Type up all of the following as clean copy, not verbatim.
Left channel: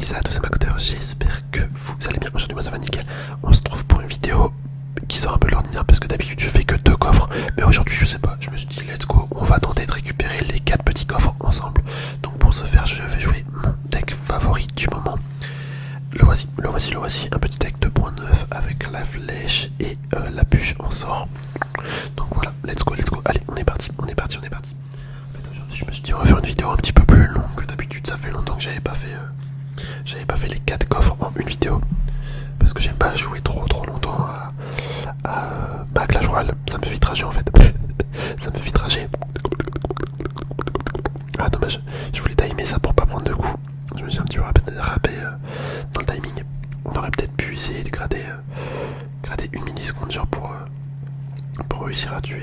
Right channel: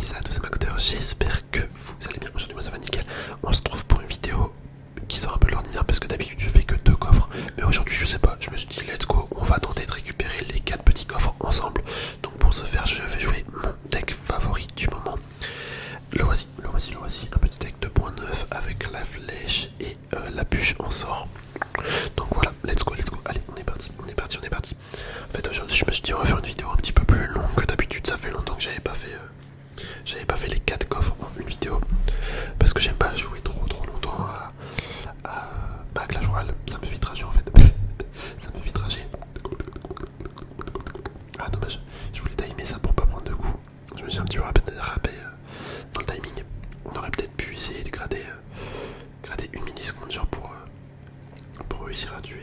Hey, ça à tous, c'est Makoteur, j'espère que vous allez bien. Aujourd'hui, moi ça va nickel. On se trouve pour une vidéo qui sort un peu l'ordinaire parce que d'habitude je fais que 2 coffres. Mais aujourd'hui, je sais pas, je me suis dit, let's go, on va tenter de récupérer les 4 petits coffres ensemble. Donc pour ce faire, je vais jouer mon deck favori du moment. Le voici. Un petit deck 2.9 avec la flèche et la bûche en sort. Donc voilà, let's go. Allez, on est parti. En fait, aujourd'hui, je me suis dit, on va faire une vidéo un petit peu plus longue que d'habitude. Ça fait longtemps que j'avais pas fait les 4 coffres en une vidéo. Parce que j'aime pas jouer trop longtemps à Clash Royale. Ça me fait vite rager en fait. Ça me fait vite rager. Ah, dommage. Je voulais timer ça pour pas prendre de coups. Je me suis un petit peu râpé dans le timing. On aurait peut-être pu essayer de gratter une milliseconde genre pour réussir à tuer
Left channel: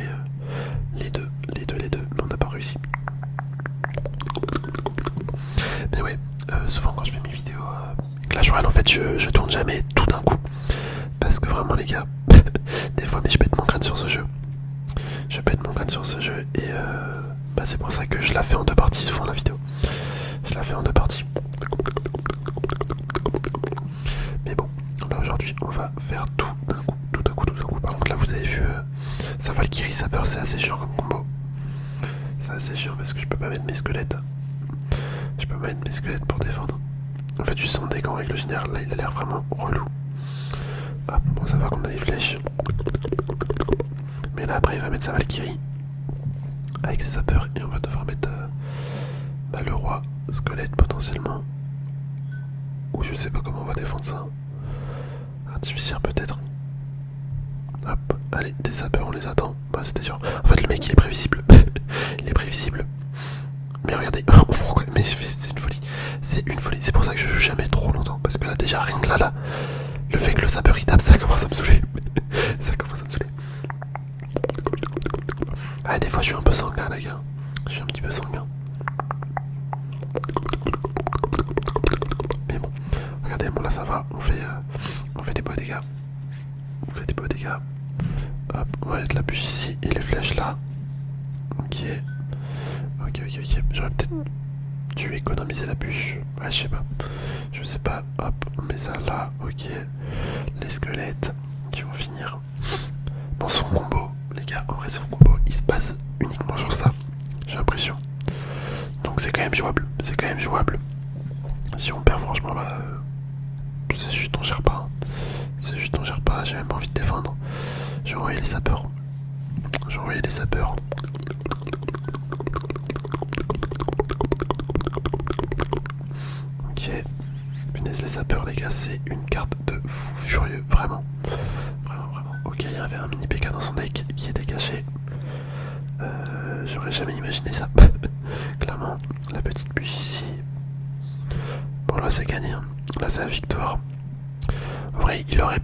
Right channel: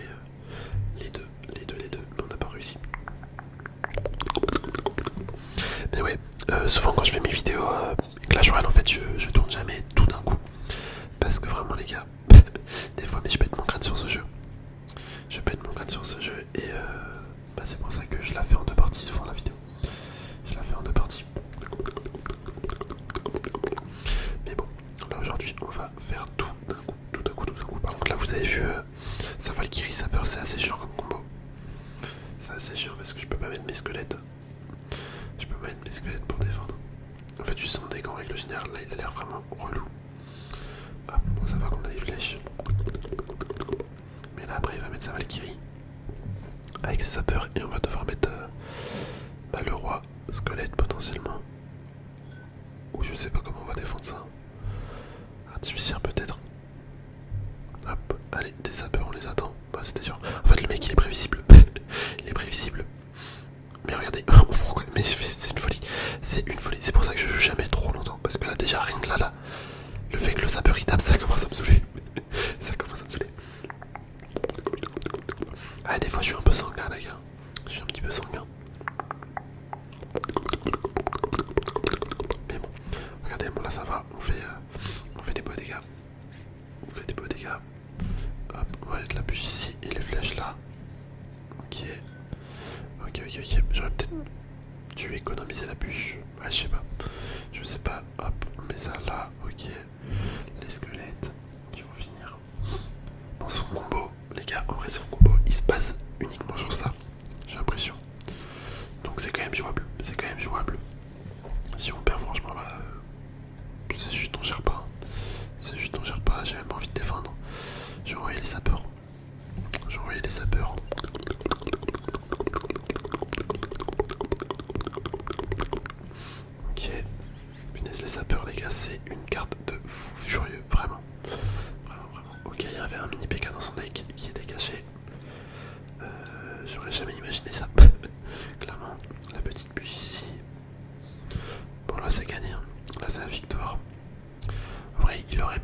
les deux. Mais on n'a pas réussi. Mais ouais, souvent quand je fais mes vidéos Clash Royale, en fait, je tourne jamais tout d'un coup. Parce que vraiment, les gars, des fois, mais je pète mon crâne sur ce jeu. Et c'est pour ça que je la fais en 2 parties souvent la vidéo. Je la fais en 2 parties. Mais bon, là aujourd'hui, on va faire tout d'un coup. Par contre, là, vous avez vu, ça Valkyrie Sapeur, c'est assez chiant comme combo. C'est assez chiant parce que je peux pas mettre mes squelettes. Pour défendre. En fait, juste son deck en règle générale, là, il a l'air vraiment relou. Ah, bon, ça va qu'on a des flèches. Mais là, après, il va mettre sa Valkyrie avec ses sapeurs et on va devoir mettre le roi squelette potentiellement. Ou je sais pas comment on va défendre ça. Artificier peut-être. Hop, allez, des sapeurs, on les attend. Bah, c'était sûr. En fait, le mec, il est prévisible. Mais regardez, pourquoi? Mais c'est une folie. C'est pour ça que je joue jamais trop longtemps. Parce que là, déjà, rien que là, le fait que le sapeur il tape, ça commence à me saouler. Ah, des fois, je suis un peu sanguin, les gars. Je suis un petit peu sanguin. Mais bon, regardez, bon, là, ça va. On fait des beaux dégâts. Hop, on va mettre la bûche ici et les flèches là. Ok. J'aurais peut-être dû économiser la bûche. Ouais, je sais pas. Hop, on met ça là. Ok. Les squelettes qui vont finir. Bon, son combo, les gars, en vrai, son combo, il se base uniquement sur ça. J'ai l'impression. Donc c'est quand même jouable. Si on perd, franchement, là, c'est juste on gère pas. J'ai même pas envie de défendre. J'ai envoyé les sapeurs. Ok. Punaise, les sapeurs, les gars, c'est une carte de fou furieux. Vraiment. Ok, il y avait un mini PK dans son deck qui était caché. J'aurais jamais imaginé ça. Clairement, la petite bûche ici. Bon, là, c'est gagné. Là, c'est la victoire. En vrai, il aurait...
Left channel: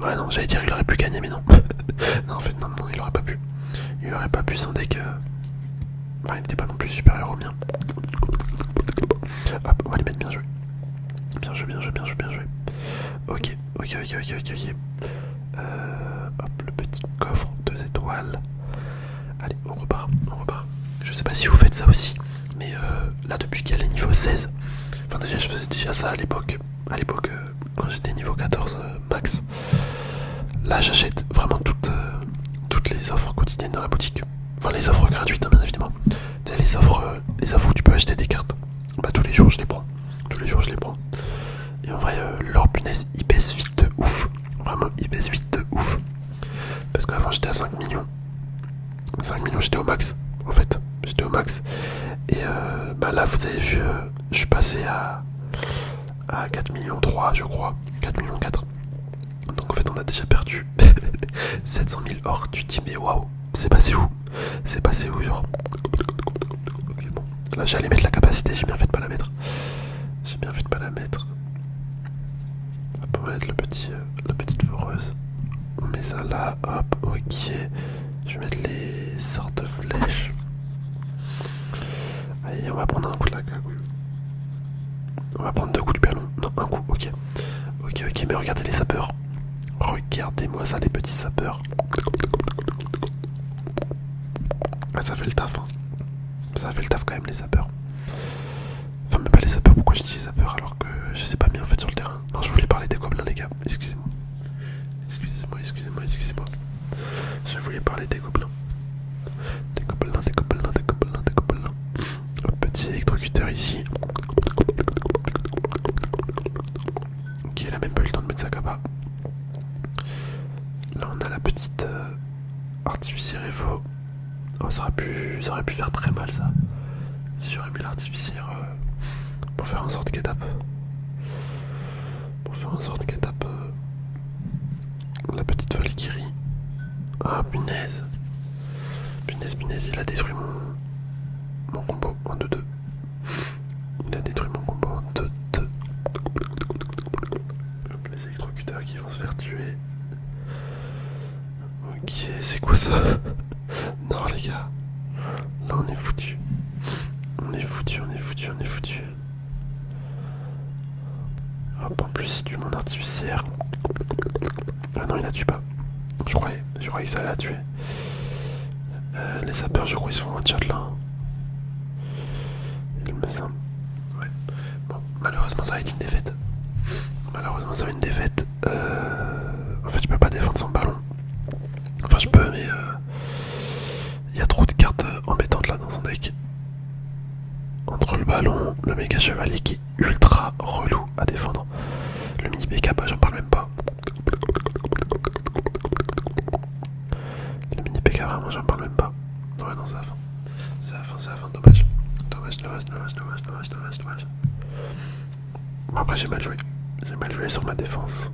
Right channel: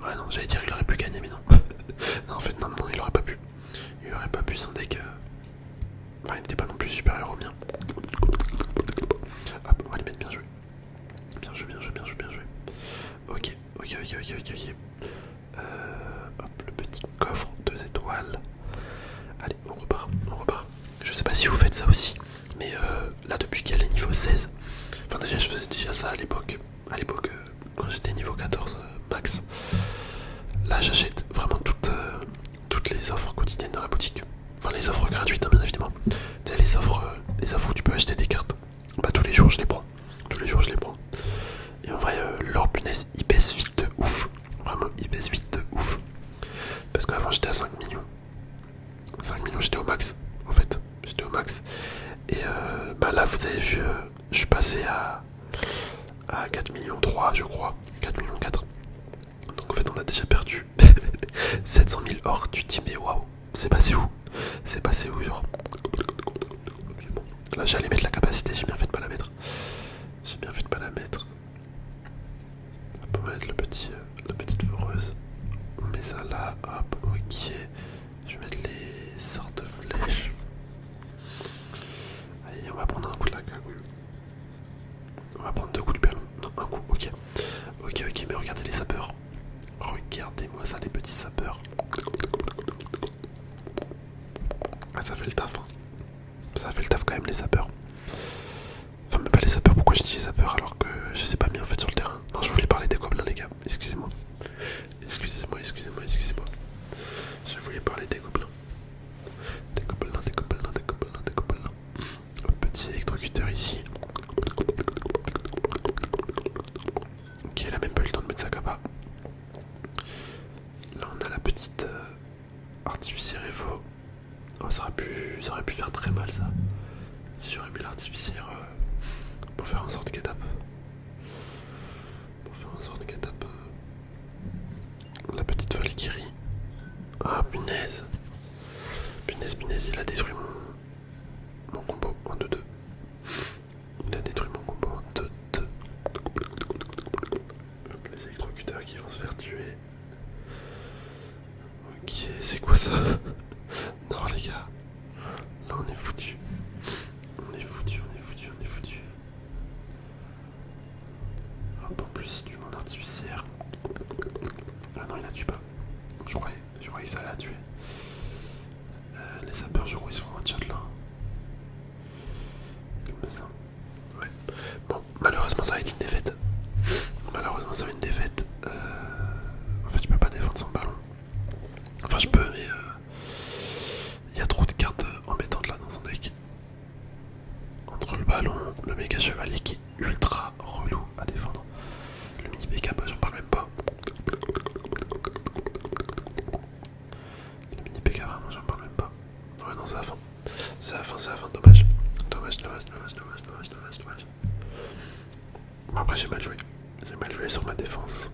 Ouais, non, j'allais dire qu'il aurait pu gagner, mais non. Non, en fait, non, il aurait pas pu. Son deck... Enfin, il n'était pas non plus supérieur au mien. Hop, on va les mettre bien joué. Bien joué. Ok. Hop, le petit coffre 2 étoiles. Allez, on repart. Je sais pas si vous faites ça aussi, mais là, depuis qu'elle est niveau 16, enfin déjà, je faisais déjà ça à l'époque. Quand j'étais niveau 14 max. Là, j'achète vraiment toutes les offres quotidiennes dans la boutique. Enfin, les offres gratuites, hein, bien évidemment. Tu sais, les offres où tu peux acheter des cartes. Bah, tous les jours, je les prends. Et en vrai, leur punaise, il baisse vite de ouf. Vraiment, il baisse vite de ouf. Parce qu'avant, j'étais à 5 millions. 5 millions, j'étais au max. En fait, Et là, vous avez vu, je suis passé à 4 millions 3, je crois. 4 millions 4. Donc en fait, on a déjà perdu 700 000 or. Tu te dis, mais waouh, c'est passé où, genre. Okay, bon. Là, j'allais mettre la capacité, j'ai bien fait de pas la mettre. Hop, on va mettre la petite foreuse. On met ça là, hop, ok. Je vais mettre les sortes de flèches. Allez, on va prendre un coup de la cagouille. On va prendre 2 coups du ballon. Non, un coup, ok. Ok, mais regardez les sapeurs. Regardez-moi ça, les petits sapeurs. Ah, ça fait le taf, hein. Ça fait le taf quand même, les sapeurs. Enfin, même pas les sapeurs, pourquoi je dis les sapeurs alors que les ai pas mis en fait sur le terrain. Non, je voulais parler des gobelins, les gars. Excusez-moi. Excusez-moi. Je voulais parler des gobelins. Des gobelins. Un petit électrocuteur ici. Ok, il a même pas eu le temps de mettre sa capa. Là, on a la petite artificière Evo. Oh, ça aurait pu faire très mal ça. Si j'aurais mis l'artificière pour faire un sort de get-up. La petite Valkyrie. Ah, punaise, il a détruit mon combo en 2-2. Il a détruit mon combo en 2-2. Les électrocuteurs qui vont se faire tuer. Ok, c'est quoi ça? Non, les gars. Là, on est foutu. Hop, en plus, il tue mon artificière. Ah non, il la tue pas. Je croyais que ça allait la tuer. Les sapeurs, je crois, ils se font one shot là. Il me semble. Ouais. Bon, malheureusement, ça va être une défaite. En fait, je peux pas défendre son ballon. Enfin, je peux, mais il y a trop de cartes embêtantes là dans son deck. Entre le ballon, le méga chevalier qui est ultra relou à défendre. Le mini PK, bah, j'en parle même pas. Le mini PK, vraiment, j'en parle même pas. Ouais, non, c'est la fin. Dommage. Bon, après, j'ai mal joué. Sur ma défense.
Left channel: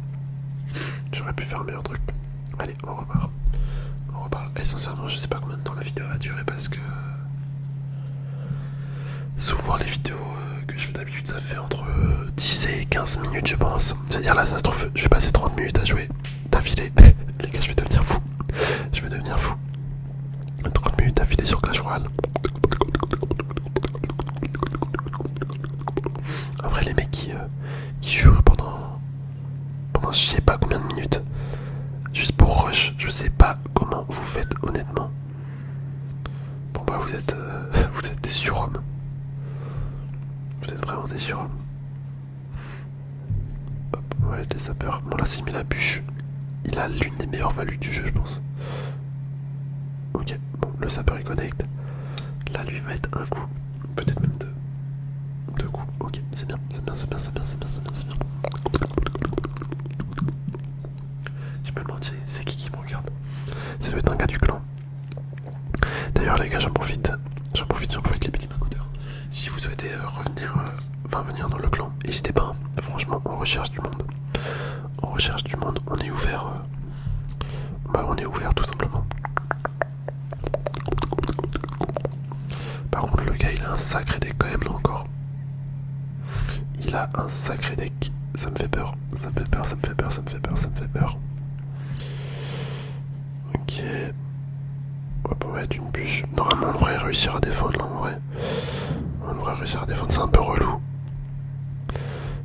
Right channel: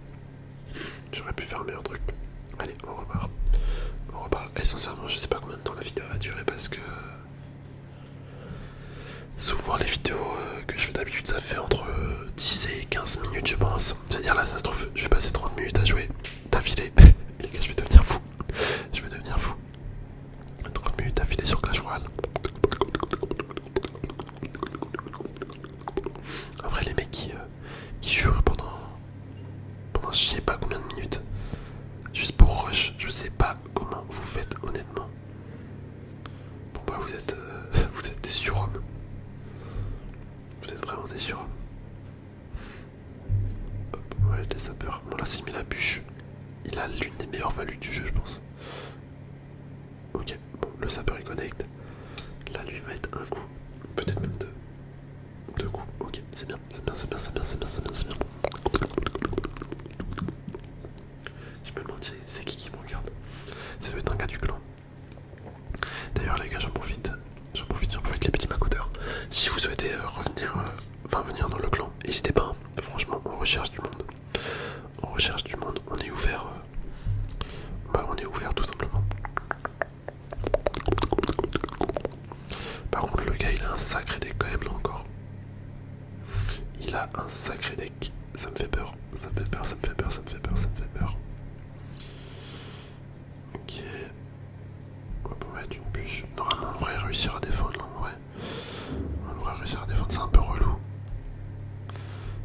J'aurais pu faire un meilleur truc. Allez, on repart. Et sincèrement, je sais pas combien de temps la vidéo va durer parce que souvent les vidéos que je fais d'habitude ça fait entre 10 et 15 minutes je pense. C'est-à-dire là ça se trouve je vais passer 30 minutes à jouer d'affilée. Les gars, je vais devenir fou. 30 minutes d'affilée sur Clash Royale. Après les mecs qui jouent pendant je sais pas combien de minutes juste pour rush, je sais pas comment vous faites honnêtement. Bon bah vous êtes des surhommes. Vous êtes vraiment des surhommes. Hop, ouais, les sapeurs. Bon là s'il met la bûche, il a l'une des meilleures values du jeu je pense. Ok, bon le sapeur il connecte. Là lui va être un coup, peut-être même deux coups. Ok, c'est bien. Je me demande c'est qui me regarde. Ça doit être un gars du clan. D'ailleurs les gars, j'en profite les petits macouteurs. Si vous souhaitez venir dans le clan, n'hésitez pas. Franchement, on recherche du monde. On est ouvert. On est ouvert tout simplement. Par contre, le gars, il a un sacré deck quand même là encore. Il a un sacré deck. Ça me fait peur. Ok. Hop, on va être une bûche. Normalement, on devrait réussir à défendre là en vrai. C'est un peu relou.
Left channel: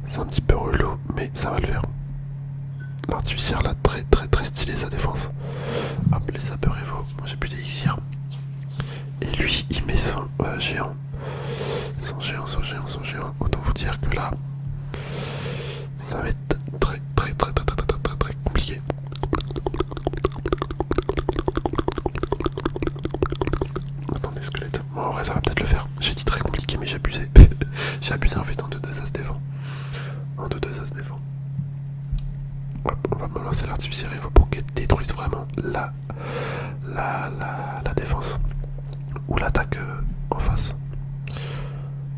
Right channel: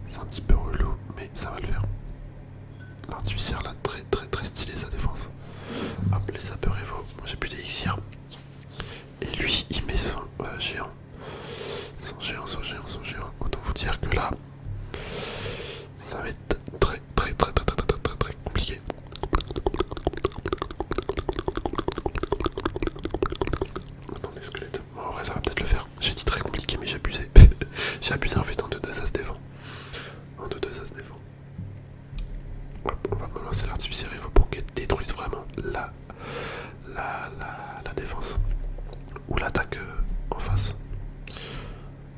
C'est un petit peu relou, mais ça va le faire. L'artificière là, très stylé sa défense. Hop, les sapeurs Evo. Moi j'ai plus d'élixir. Et lui, il met son géant. Son géant. Autant vous dire que là, ça va être très compliqué. Attendez, squelette. Bon, en vrai, ça va peut-être le faire. J'ai dit très compliqué, mais j'ai abusé. J'ai abusé en fait. En 2-2, ça se défend. Hop, on va me lancer l'artificier Evo pour qu'elle détruise vraiment la défense. Ou l'attaque en face.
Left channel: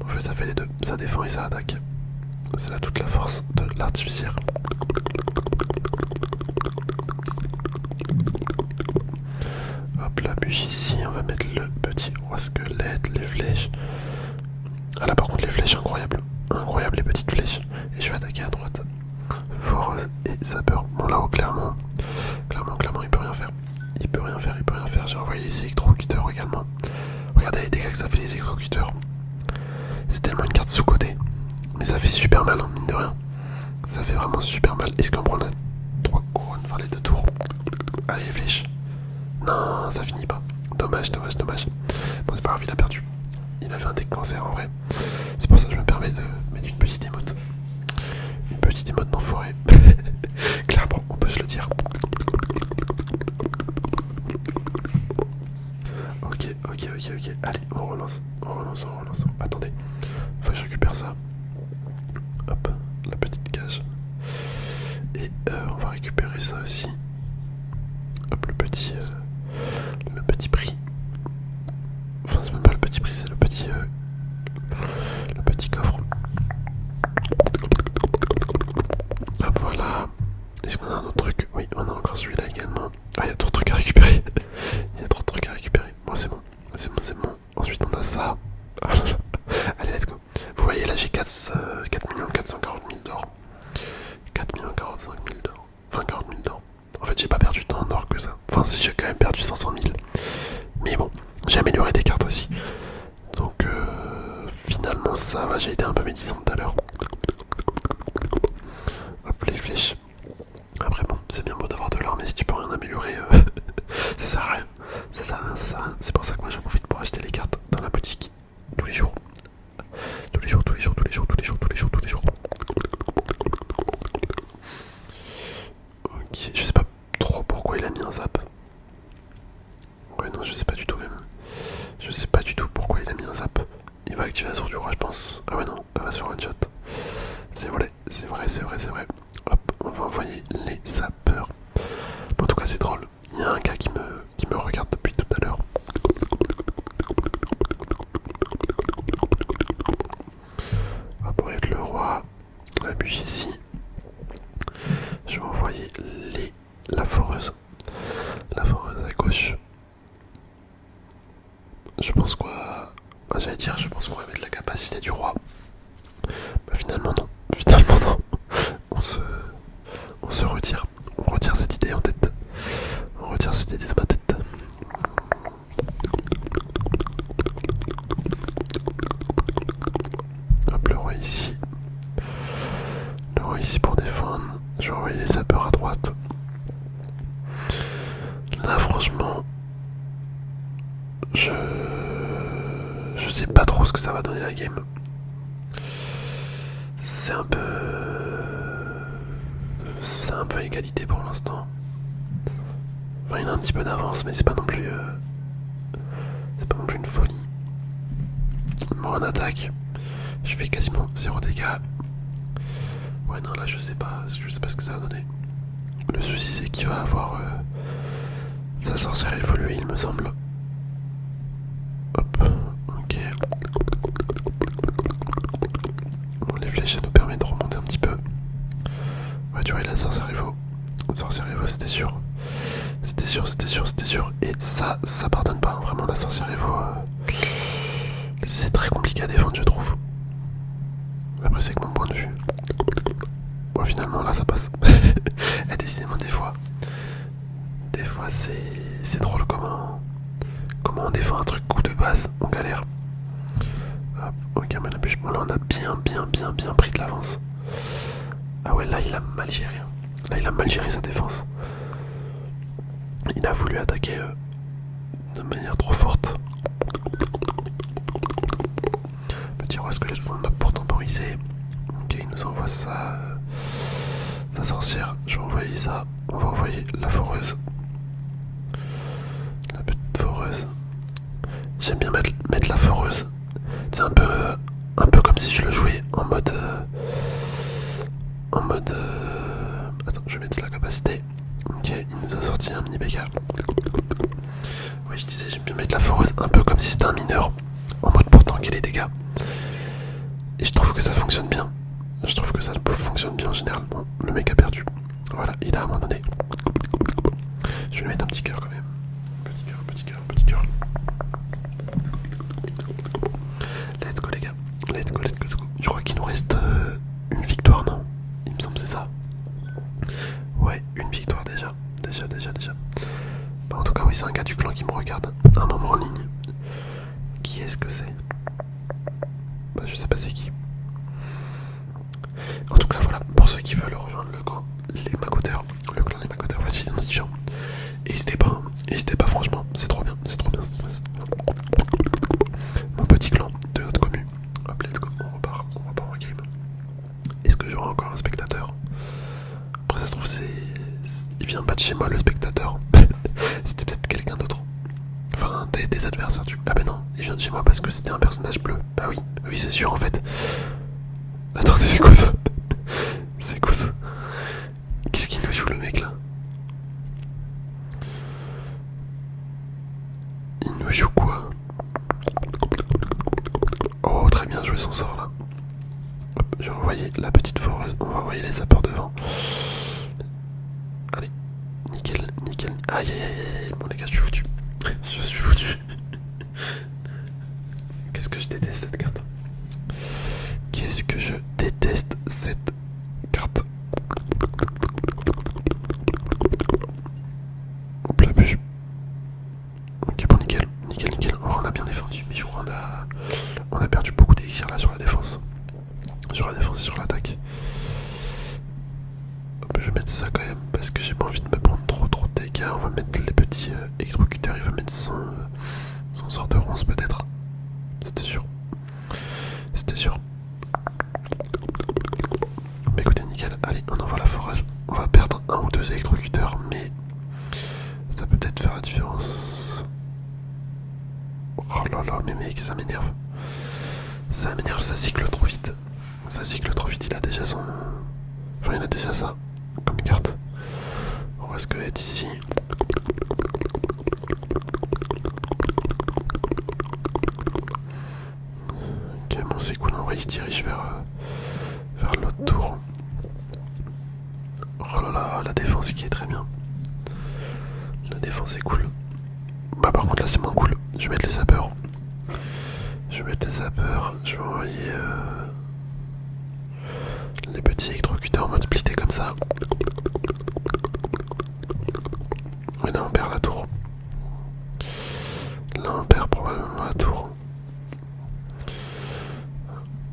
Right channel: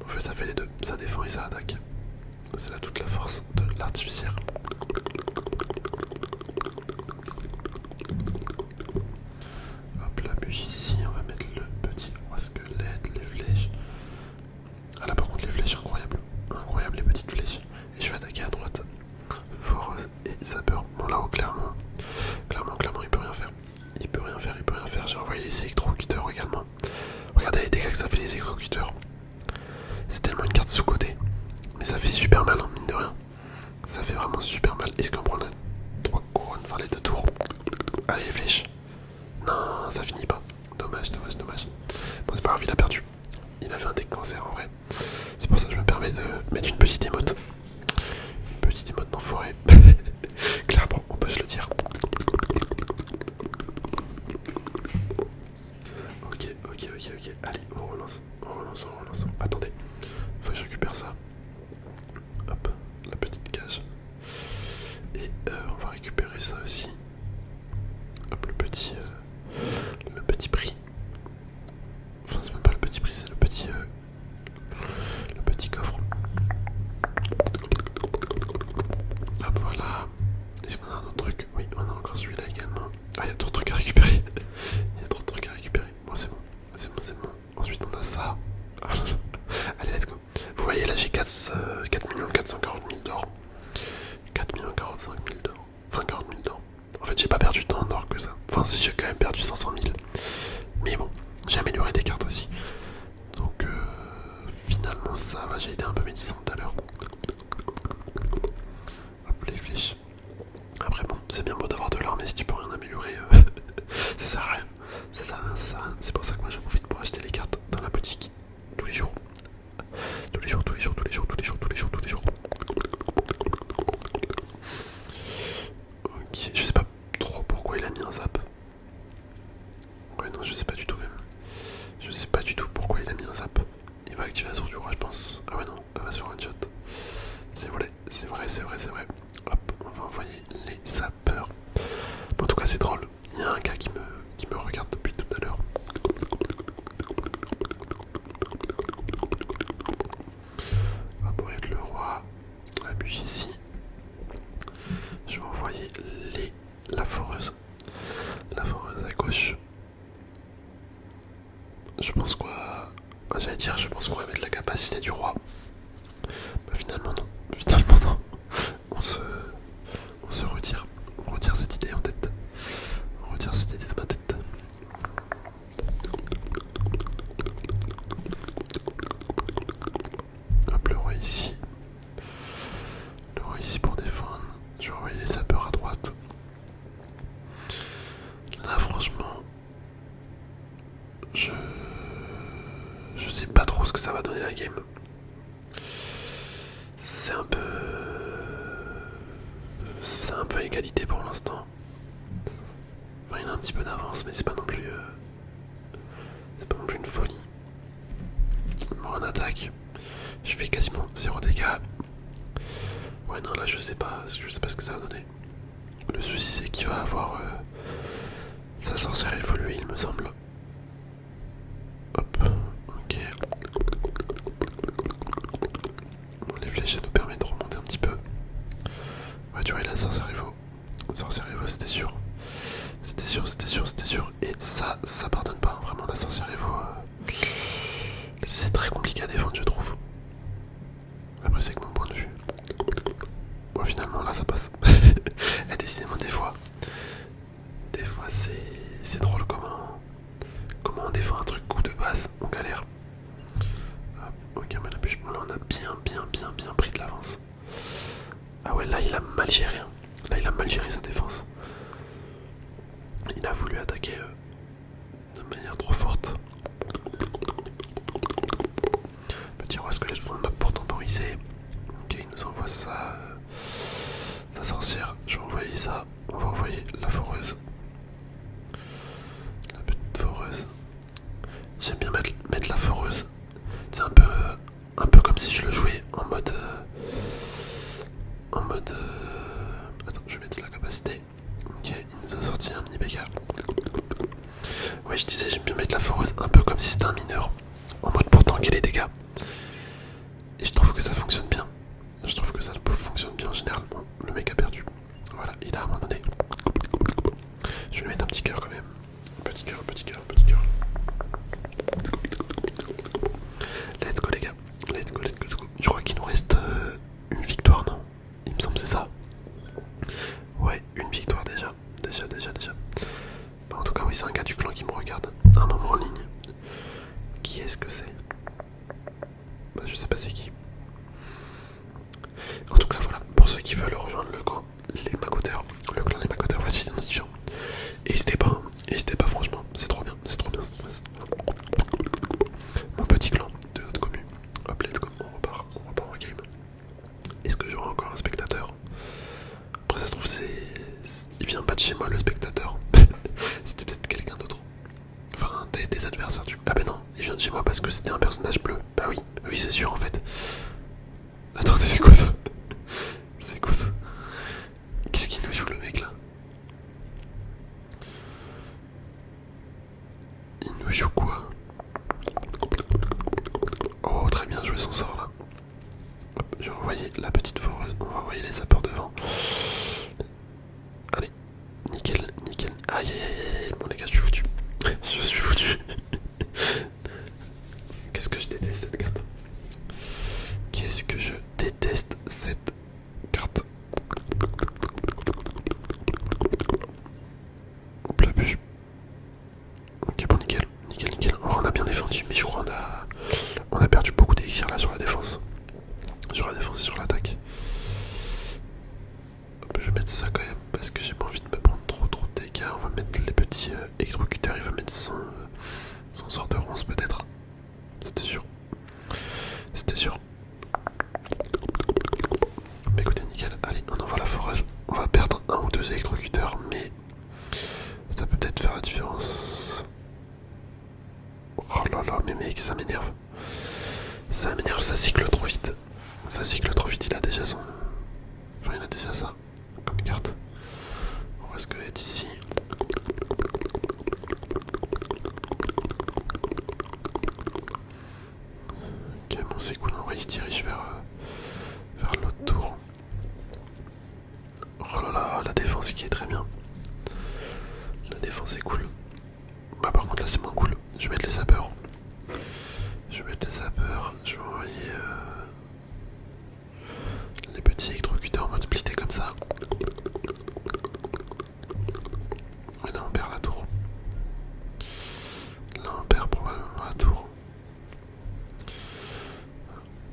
En fait, ça fait les deux. Ça défend et ça attaque. C'est là toute la force de l'artificière. Hop, la bûche ici. On va mettre le petit roi squelette, les flèches. Ah là, par contre, les flèches, incroyable. Incroyable, les petites flèches. Et je vais attaquer à droite. Foreuse et sapeur. Bon, là-haut, clairement, il peut rien faire. J'ai envoyé les électrocuteurs également. Regardez les dégâts que ça fait, les électrocuteurs. C'est tellement une carte sous-côté. Mais ça fait super mal, hein, mine de rien. Ça fait vraiment super mal. Est-ce qu'on prend la 3 couronnes, enfin les 2 tours? Allez, les flèches. Non, ça finit pas. Dommage. Bon, c'est pas grave, il a perdu. Il avait un deck cancer en vrai. C'est pour ça que je me permets de mettre une petite émote. ça aussi. Hop, le petit prix. Enfin, c'est même pas le petit prix, c'est le petit coffre. Hop, voilà. Est-ce qu'on a un autre truc? Oui, on a encore celui-là également. Ah, il y a trop de trucs à récupérer. Il y a trop de trucs à récupérer. Bon, c'est bon. C'est bon, c'est bon. Ensuite, on a ça. Ah là là. Allez, let's go. Vous voyez, là, j'ai 4 440 000 d'or. 4 45 000 d'or. Enfin, 40 000 d'or. En fait, j'ai pas perdu tant d'or que ça. Enfin, si, j'ai quand même perdu 500 000. Mais bon, j'ai amélioré des cartes aussi. Donc, finalement, ça va. J'ai été un peu médisant tout à l'heure. Hop, les flèches. Après, bon, c'est bien beau d'avoir de l'or, mais si tu peux rien améliorer, ça sert à rien. Ça sert à rien, ça sert à rien. C'est pour ça que moi, j'en profite pour acheter les cartes dans la boutique tous les jours. Tous les jours, tous les jours, tous les jours, tous les jours, tous les jours, tous les jours. Ok, je sais pas trop pourquoi il a mis un zap. Ouais, non, je sais pas du tout même. Je sais pas du tout pourquoi il a mis un zap. Il va activer la source du roi, je pense. Ah ouais, non, elle va sur one shot. C'est vrai, c'est vrai, c'est vrai, c'est vrai. Hop, on va envoyer les sapeurs. Bon, en tout cas, c'est drôle. Il y a un gars qui me regarde depuis tout à l'heure. Hop, on va être le roi. La bûche ici. Je vais envoyer la foreuse. La foreuse à gauche. Je pense quoi. J'allais dire, je pense qu'on va mettre la capacité du roi. Bah, finalement, non. Finalement, non. On se retire. On retire cette idée en tête. On retire cette idée de ma tête. Hop, le roi ici. Le roi ici pour défendre. Je vais envoyer les sapeurs à droite. Là, franchement, je sais pas trop ce que ça va donner la game. C'est un peu égalité pour l'instant. Enfin, il a un petit peu d'avance, mais c'est pas non plus une folie. Bon, en attaque, je fais quasiment 0 dégâts. Ouais, non, là je sais pas ce que ça va donner. Le souci, c'est qu'il va avoir sa sorcière évoluée, il me semble. Hop, ok. Bon, les flèches, ça nous permet de remonter un petit peu. Ouais, tu vois, la sorcière évo. Sorcière évo, c'était sûr. C'était sûr, c'était sûr, c'était sûr. Et ça pardonne pas, vraiment, la sorcière évo. C'est très compliqué à défendre, je trouve. Après, c'est que mon point de vue. Bon, finalement, là, ça passe. Et décidément, des fois, c'est drôle comment on défend un truc coup de base, on galère. Hop, ok, mais bon, là, on a bien pris de l'avance. Ah ouais, là, il a mal géré. Là, il a mal géré sa défense. Il a voulu attaquer de manière trop forte. Petit roi squelette fond de map pour temporiser. Ok, il nous envoie sa sorcière. Je vais envoyer ça. On va envoyer la foreuse. La petite foreuse. J'aime bien mettre la foreuse. C'est un peu comme si je le jouais en mode. Attends, je vais mettre la capacité. Ok, il nous a sorti un mini BK. Ouais, je disais, j'aime bien mettre la foreuse un peu comme si c'était un mineur. En mode pour tanker les dégâts. Et je trouve que ça fonctionne bien. Je trouve que ça fonctionne bien en général. Bon, le mec a perdu. Voilà, il a abandonné. Je vais lui mettre un petit cœur quand même. Petit cœur, petit cœur, petit cœur. Let's go les gars. Let's go, let's go, let's go. Je crois qu'il nous reste une victoire, non? Il me semble que c'est ça. Ouais, une victoire déjà. Déjà. Bah, en tout cas, oui, c'est un gars du clan qui me regarde. Un membre en ligne. Qui est-ce que c'est? Bah, je sais pas c'est qui. En tout cas, voilà, pour ceux qui veulent rejoindre le clan Les Macoteurs, voici l'identifiant. Et n'hésitez pas, franchement, c'est trop bien. Mon petit clan de notre commune. Hop, let's go, on repart en game. Est-ce que j'aurai encore un spectateur? Après, ça se trouve, il vient pas de chez moi, le spectateur. C'était peut-être quelqu'un d'autre. Enfin, des adversaires, du coup. Ah ben non, il vient de chez moi parce que c'était un personnage bleu. Bah oui, c'est sûr, en fait. Attendez, c'est quoi ça? C'est quoi ça? Qu'est-ce qu'il nous joue le mec là? petite foreuse. On va envoyer les sapeurs devant. Allez, nickel, nickel. Aïe aïe aïe aïe. Bon les gars, je suis foutu. Je suis foutu. Qu'est-ce que je déteste cette carte. Qu'est-ce que je déteste cette carte. Hop là, bûche. Ok, bon, nickel, nickel, nickel. On a bien défendu, mais je crois on a perdu beaucoup d'élixir là sur la défense. Sur la défense et sur l'attaque. Je vais mettre ça quand même parce que j'ai pas envie de me prendre trop de dégâts. On va mettre les petits électrocuteurs. Il va mettre son sort de ronce peut-être. C'était sûr. C'était sûr. Mais écoutez, nickel. Allez, on envoie la foreuse. On va perdre un ou deux électrocuteurs, mais ça peut peut-être faire la différence. Oh là là, mais mec, ça m'énerve. Ça m'énerve, ça cycle trop vite. Ça cycle trop vite, il a déjà son... Enfin, il a déjà ça comme carte. On va squelette ici. Ok, bon, c'est cool. Il se dirige vers l'autre tour. Oh là là, la défense qui est très bien. La défense est cool. Bah, par contre, là, c'est moins cool. Je vais mettre les sapeurs. Je vais mettre les sapeurs. Je vais envoyer les petits électrocuteurs en mode splitté comme ça. Et là, on perd la tour. Là, on perd probablement la tour.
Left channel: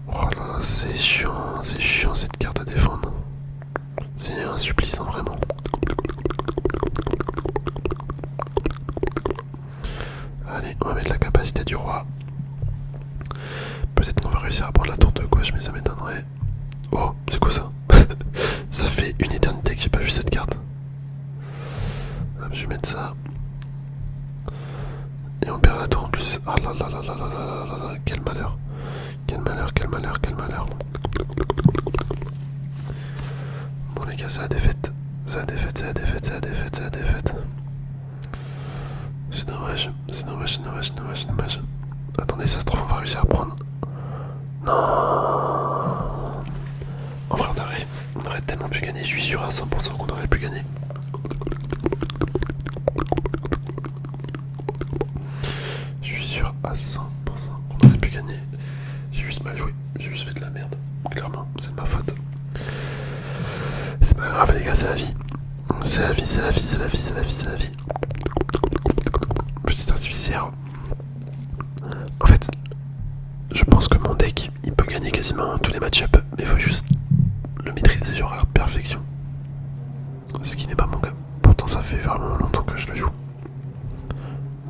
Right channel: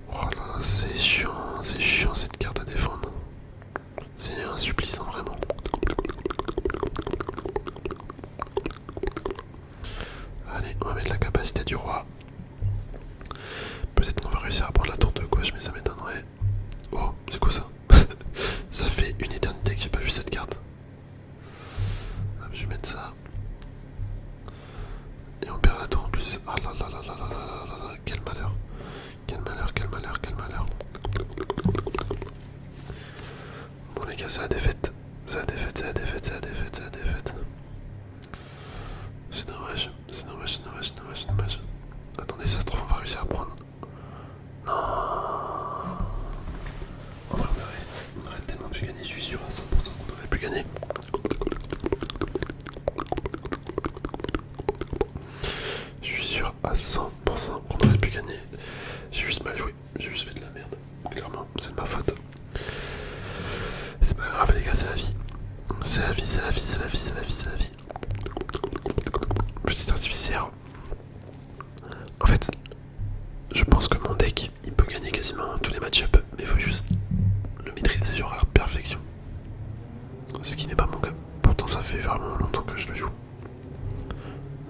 Oh là là, c'est chiant cette carte à défendre. C'est un supplice, hein, vraiment. Allez, on va mettre la capacité du roi. Peut-être qu'on va réussir à prendre la tour de gauche, mais ça m'étonnerait. Oh, c'est quoi ça? Ça fait une éternité que j'ai pas vu cette carte. Hop, je vais mettre ça. Et on perd la tour en plus. Ah là là là là là là là là, quel malheur. Quel malheur, quel malheur, quel malheur. Bon les gars, c'est la défaite. C'est la défaite, c'est la défaite, c'est la défaite, c'est la défaite. C'est dommage, c'est dommage, c'est dommage, c'est dommage, c'est dommage. Attendez, ça se trouve, on va réussir à prendre. Non. En vrai, on aurait tellement pu gagner. Je suis sûr à 100% qu'on aurait pu gagner. Je suis sûr à 100% qu'on aurait pu gagner. J'ai juste mal joué. J'ai juste fait de la merde. Clairement, c'est de ma faute. C'est pas grave, les gars, c'est la vie. C'est la vie, c'est la vie, c'est la vie, c'est la vie, c'est la vie. Petite artificière. En fait, je pense que mon deck, il peut gagner quasiment tous les match-up, mais il faut juste le maîtriser genre à la perfection. Ce qui n'est pas mon cas. Pourtant, ça fait vraiment longtemps que je le joue.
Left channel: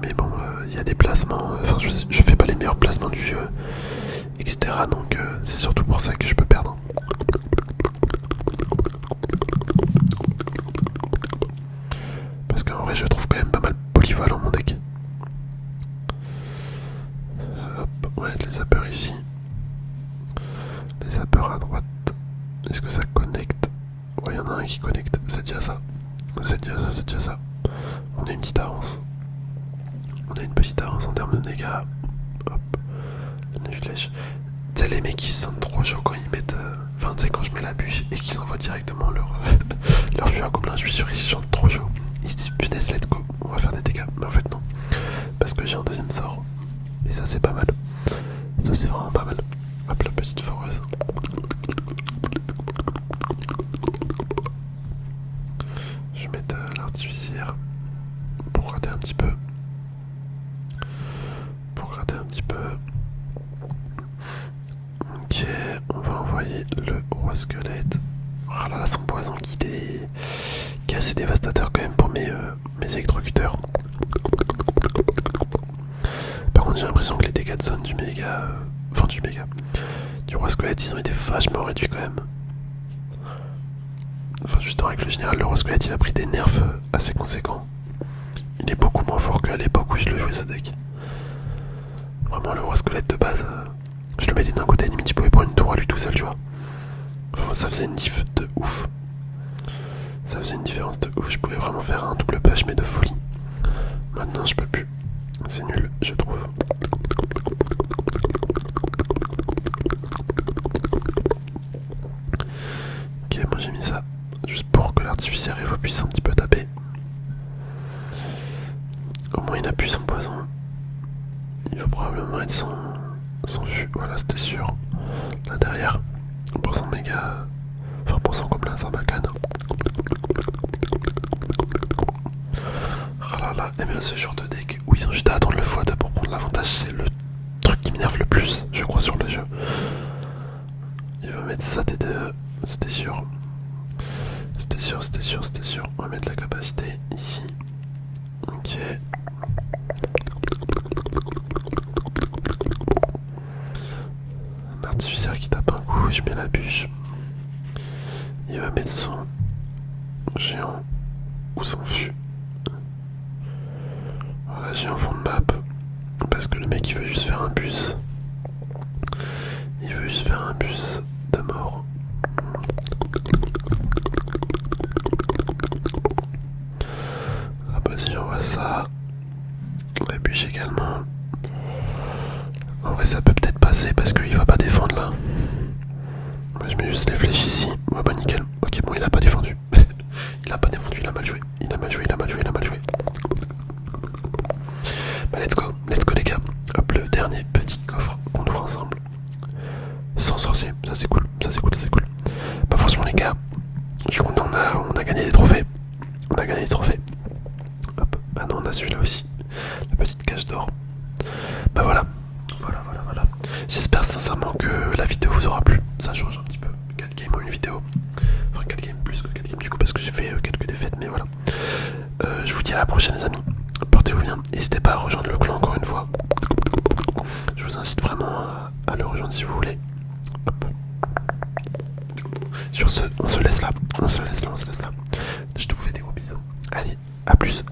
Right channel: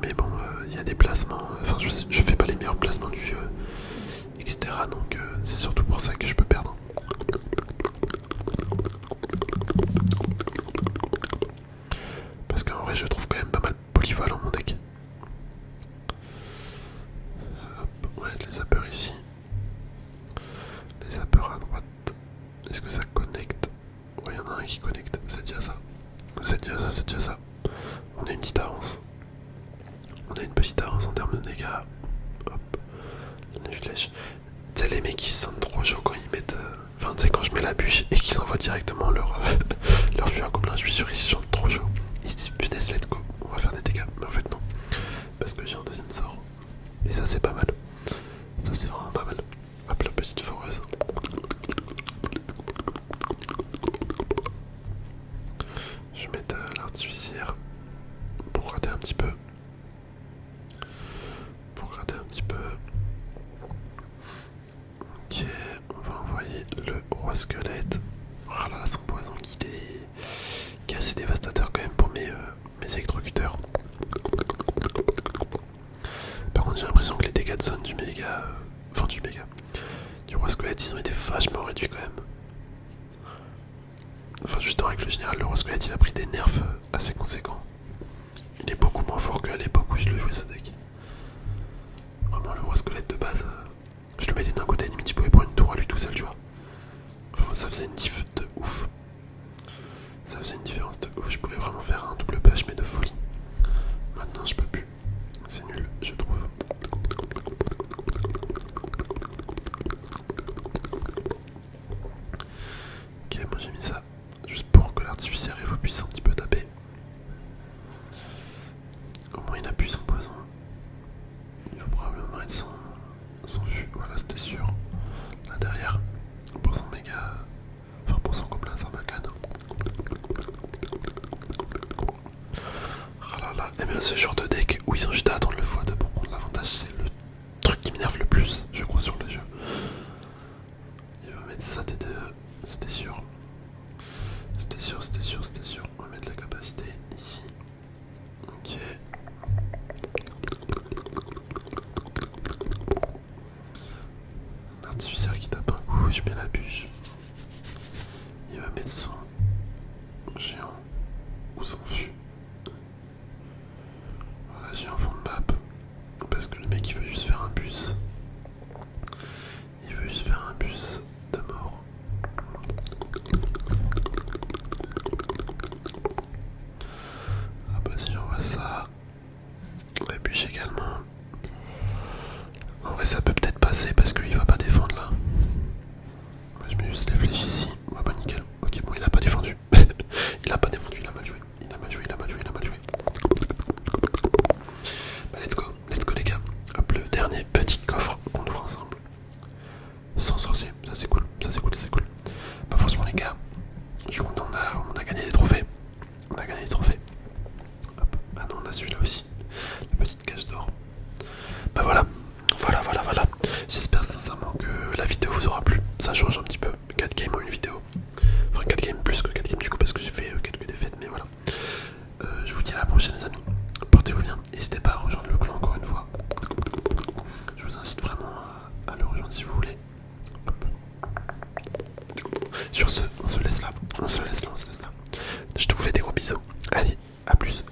Mais bon, il y a des placements. Enfin, je fais pas les meilleurs placements du jeu, etc. Donc, c'est surtout pour ça que je peux perdre. Parce qu'en vrai, je trouve quand même pas mal polyvalent mon deck. Hop, ouais, les sapeurs ici. Les sapeurs à droite. Est-ce que ça connecte? Ouais, il y en a un qui connecte, c'est déjà ça. C'est déjà ça, c'est déjà ça. On a une petite avance. On a une petite avance en termes de dégâts. Hop, les flèches. Tu sais, les mecs qui se sentent trop chauds quand ils mettent. Enfin, tu sais, quand je mets la bûche et qu'ils envoient directement leur fût à gobelin, je suis sûr qu'ils se sentent trop chauds. Ils se disent punaise, let's go, on va faire des dégâts. Mais en fait, non. Parce que j'ai un deuxième sort. Et ça, c'est pas mal. Ça, c'est vraiment pas mal. Hop, la petite foreuse. Je vais mettre l'artificière pour gratter un petit peu. Pour gratter un petit peu. Ok, on va envoyer le roi squelette. Oh là là, son poison qui est assez dévastateur quand même pour mes électrocuteurs. Par contre, j'ai l'impression que les dégâts de zone du méga. Du roi squelette, ils ont été vachement réduits quand même. Enfin, juste en règle générale, le roi squelette il a pris des nerfs assez conséquents. Il est beaucoup moins fort qu'à l'époque où je le jouais ce deck. Vraiment, le roi squelette de base, je le mettais d'un côté, limite, je pouvais prendre une tour à lui tout seul, tu vois. Enfin, ça faisait une diff de ouf. Ça faisait une différence de ouf. Je pouvais vraiment faire un double push, mais de folie. Maintenant, je peux plus. C'est nul, je trouve. mis ça juste pour que l'artificiel vous puisse un petit peu taper. Au moins il a plus son poison. Il va probablement être son fût, voilà c'était sûr. Là derrière, pour son méga... Enfin pour son gobelin Sarbacane. Oh là là, et bien ce genre de deck où ils ont juste à attendre le x2 pour prendre l'avantage, c'est le truc qui m'énerve le plus, je crois, sur le jeu. Il va mettre ça T2, c'était sûr. C'était sûr, c'était sûr, c'était sûr. On va mettre la capacité ici. Ok. Un artificiel qui tape un coup, je mets la bûche. Il va mettre son géant ou son fût. Voilà, j'ai un fond de map. Parce que le mec il veut juste faire un bus. Il veut juste faire un bus de mort. Ah bah si j'envoie ça. La bûche également. En vrai ça peut peut-être passer parce qu'il va pas défendre là. Moi je mets juste les flèches ici. Ouais bah nickel. Ok bon il a pas défendu. Il a pas défendu, il a mal joué. Il a mal joué, il a mal joué, il a mal joué. Bah let's go les gars. Hop, le dernier petit coffre qu'on ouvre ensemble. Sans sorcier, ça c'est cool, ça c'est cool, ça c'est cool. Bah franchement les gars, je suis content, on a gagné des trophées. On a gagné des trophées. Hop, ah non on a celui-là aussi. La petite cage d'or. Bah voilà. Voilà. J'espère sincèrement que la vidéo vous aura plu. Ça change un petit peu. 4 games en une vidéo. Enfin 4 games plus que 4 games du coup parce que j'ai fait quelques défaites mais voilà. Je vous dis à la prochaine les amis. Portez-vous bien. N'hésitez pas à rejoindre le clan encore une fois. Je vous incite vraiment à le rejoindre si vous voulez. Hop. Sur ce, on se laisse là. Je te vous fais des gros bisous. Allez, à plus.